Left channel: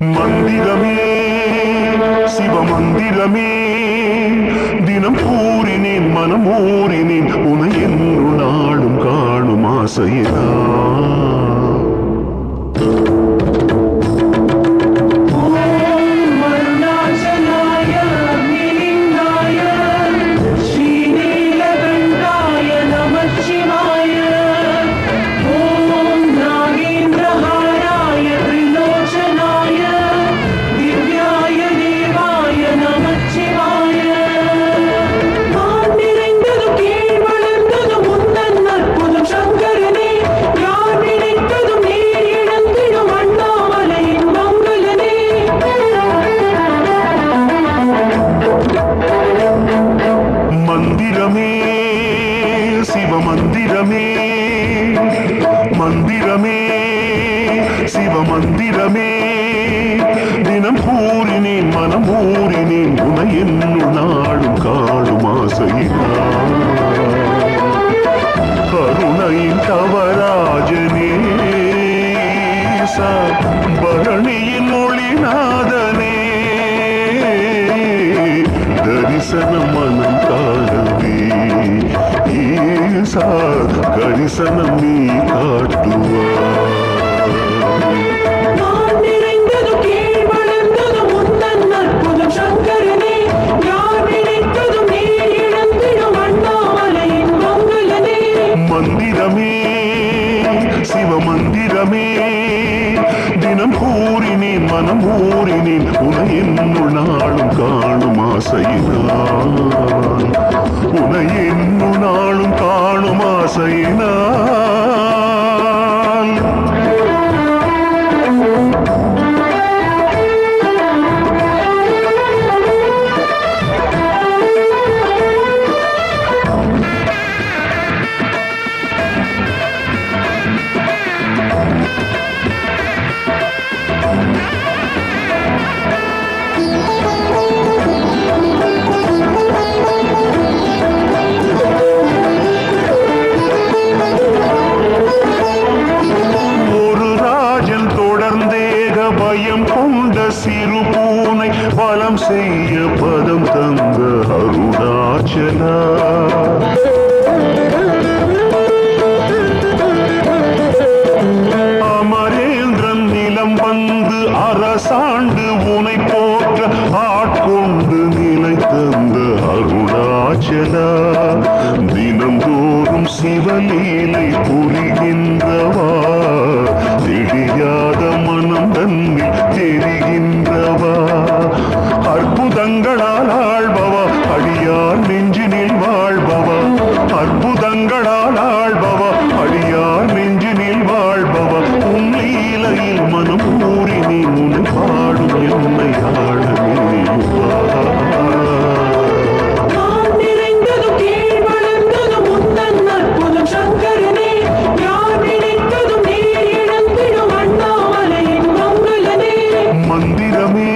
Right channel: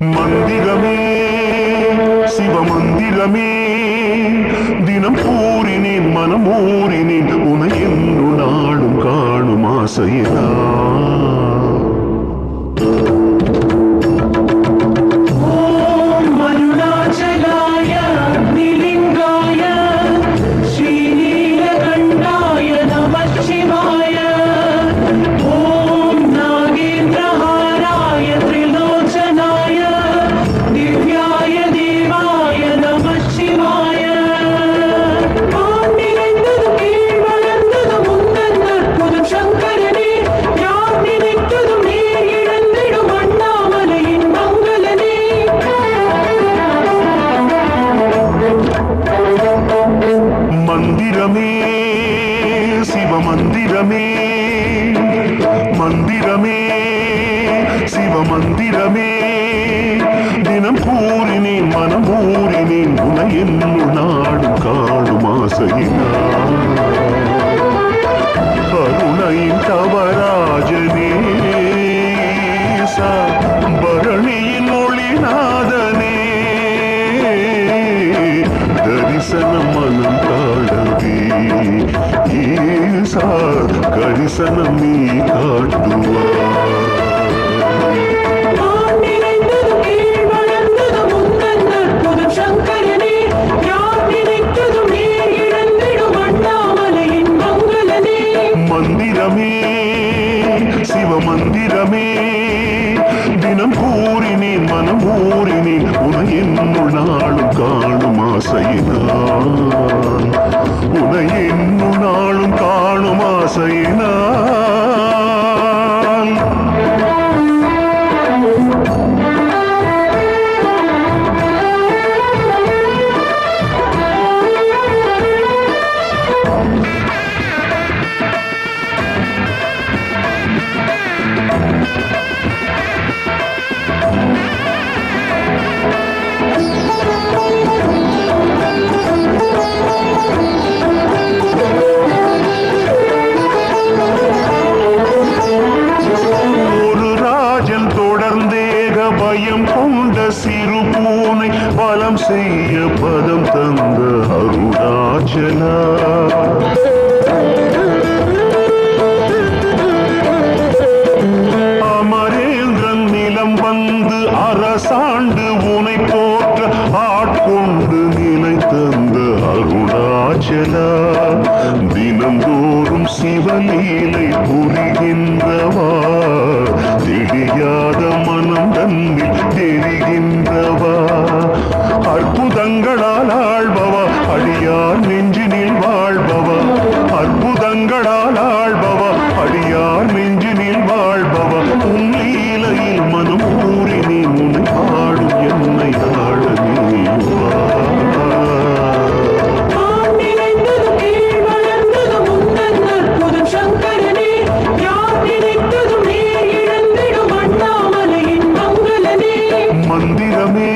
மந்திரமே சிவமந்திரமே தினம் ஊறினேன் மனம் ஊறினேன் உனை என்று நாளும் காணும் ஆசையினா மந்திரமே சிவமந்திரமே தினம் கூறினேன் மனம் ஊறினேன் உன என்னுள் நாடும் காடும் ஆசையினா. கருணையின் தவராஜனே பரணியின் ஒளிநாதனே தரிசனம் மனம் காணவே ஈசா கரிசனம் நீ காட்டுவாய். மந்திரமே சிவ மந்திரமே மனம் ஊறினேன் உனை என்னுள் நாளும் காணும் ஆசையினான். உனை என்னுள் நாளும் காணும் ஆசையினான். பயம் கொண்ட சிறு பூனை பலம் செய்ய பதம் தந்த அருணாச்சலா. அமரேந்திரன் நிலம் வந்து அரசாண்டு கொண்டு நிலை தந்த அருணாச்சலா தினந்தோறும் சிவலீலை புரிகின்றவா? தெரியாத மனம் தன்னில் தெரிகின்றவா அற்புதங்களால் ஆள்பவா? அடியார் நெஞ்சினில் வாழ்பவா? அற்புதங்களால் ஆள்பவா? அடியார் நெஞ்சினில் வாழ்பவா? உன் லீலையில் மனம் மந்திரமே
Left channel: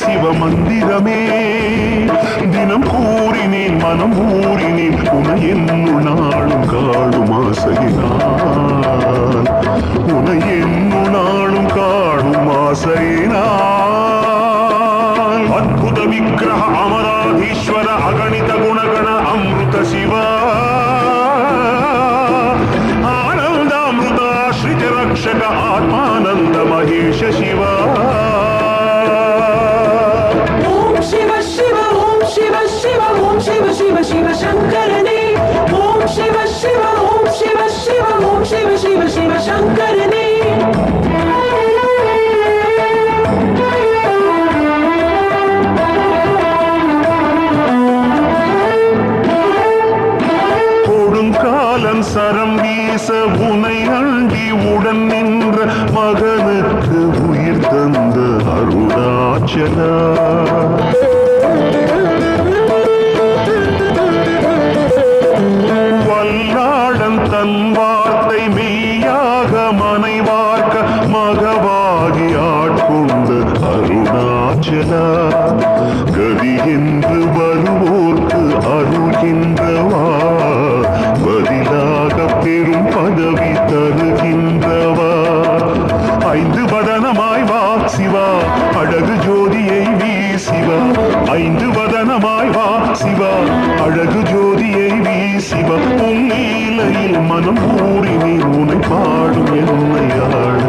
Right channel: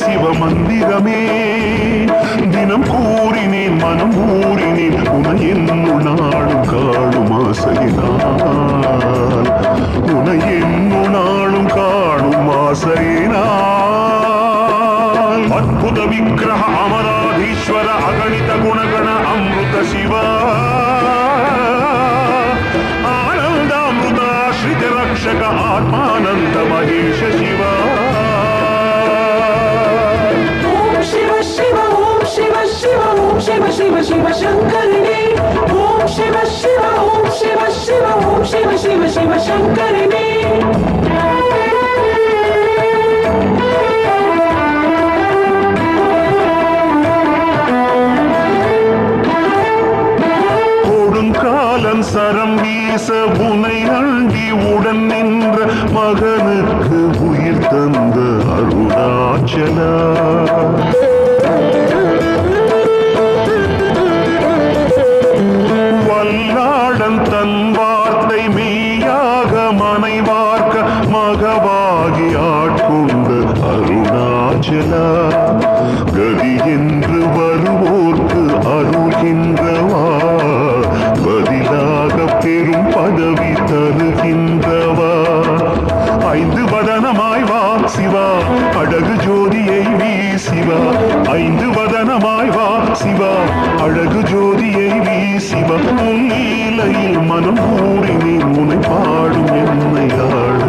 சிவமந்திரமே. தினம் கூறினேன் மனம் ஊறினேன் உன என்னுள் நாளும் காடும் ஆசையினால். உன என்னுள் நாளும் காடும் ஆசையினால். அற்புத விக்கிரக அமராதீஸ்வர அகணித குணகண அமிர்த சிவா. ஆனந்தாமிருதாஸ்ரிஜ ரக்ஷக ஆத்மா ॐ नमः शिवा शिव शिव शिव शङ्कर देव ॐ शिव शिव ॐ शिव शिव ॐ शिव शिव शिव शङ्कर देव ஓம் சரம் வீச உனை அண்டி உடன் நின்ற மகனுக்கு உயிர் தந்த அருணாச்சலா. வல்லாடன் தன் வார்த்தை மெய்யாக மனைவார்க்க மகவாகி ஆட்கொண்ட அருணாச்சலா. கதி என்று வருவோர்க்கு அருள் என்றவா பதிலாக பெரும் பதவி தருகின்றவா. ஐந்து வதனமாய் வா சிவா அழகு ஜோதியை வீ சிவா ஐந்து வதனமாய் வா சிவா அழகு ஜோதியை வீ சிவா உன் நீலையில் மனம் ஊறினே உனை பாடும் என்னை ஆள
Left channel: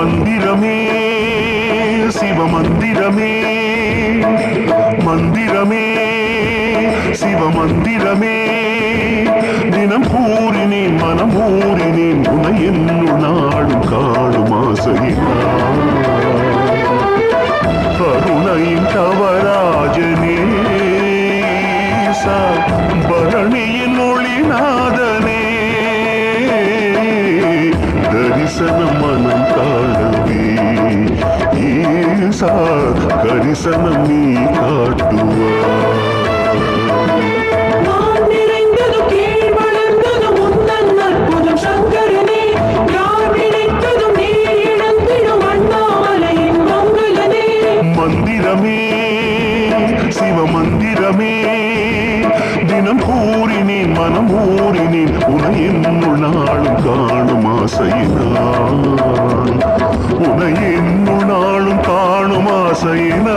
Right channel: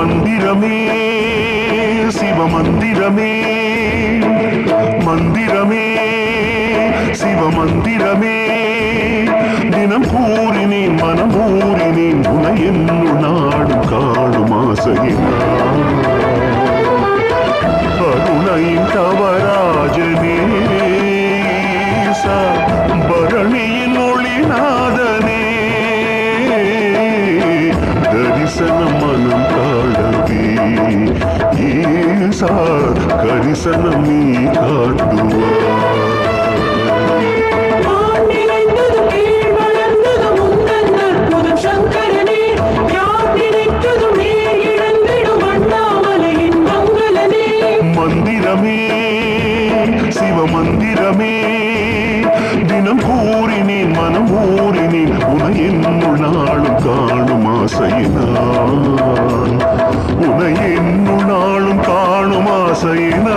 மந்திரமே சிவ மந்திரமே மந்திரமே சிவ மந்திரமே தினம் கூறினேன் மனம் ஊறினேன் உனை என்னுள் நாடும் காடும் ஆசையினான் கருணையின் கவராஜனே ஈசா, பரணியின் ஒளிநாதனே. தரிசனம் மனம் காணவே ஈசா கரிசனம் நீ மங்களனே மந்திரமே சிவ மந்திரமே மனம் கூறினேன் மனம் ஊறினேன் உன என்னுள் நாளும் காணும் ஆசையினான் உன என்னுள் நாளும் காணும் ஆசையினான்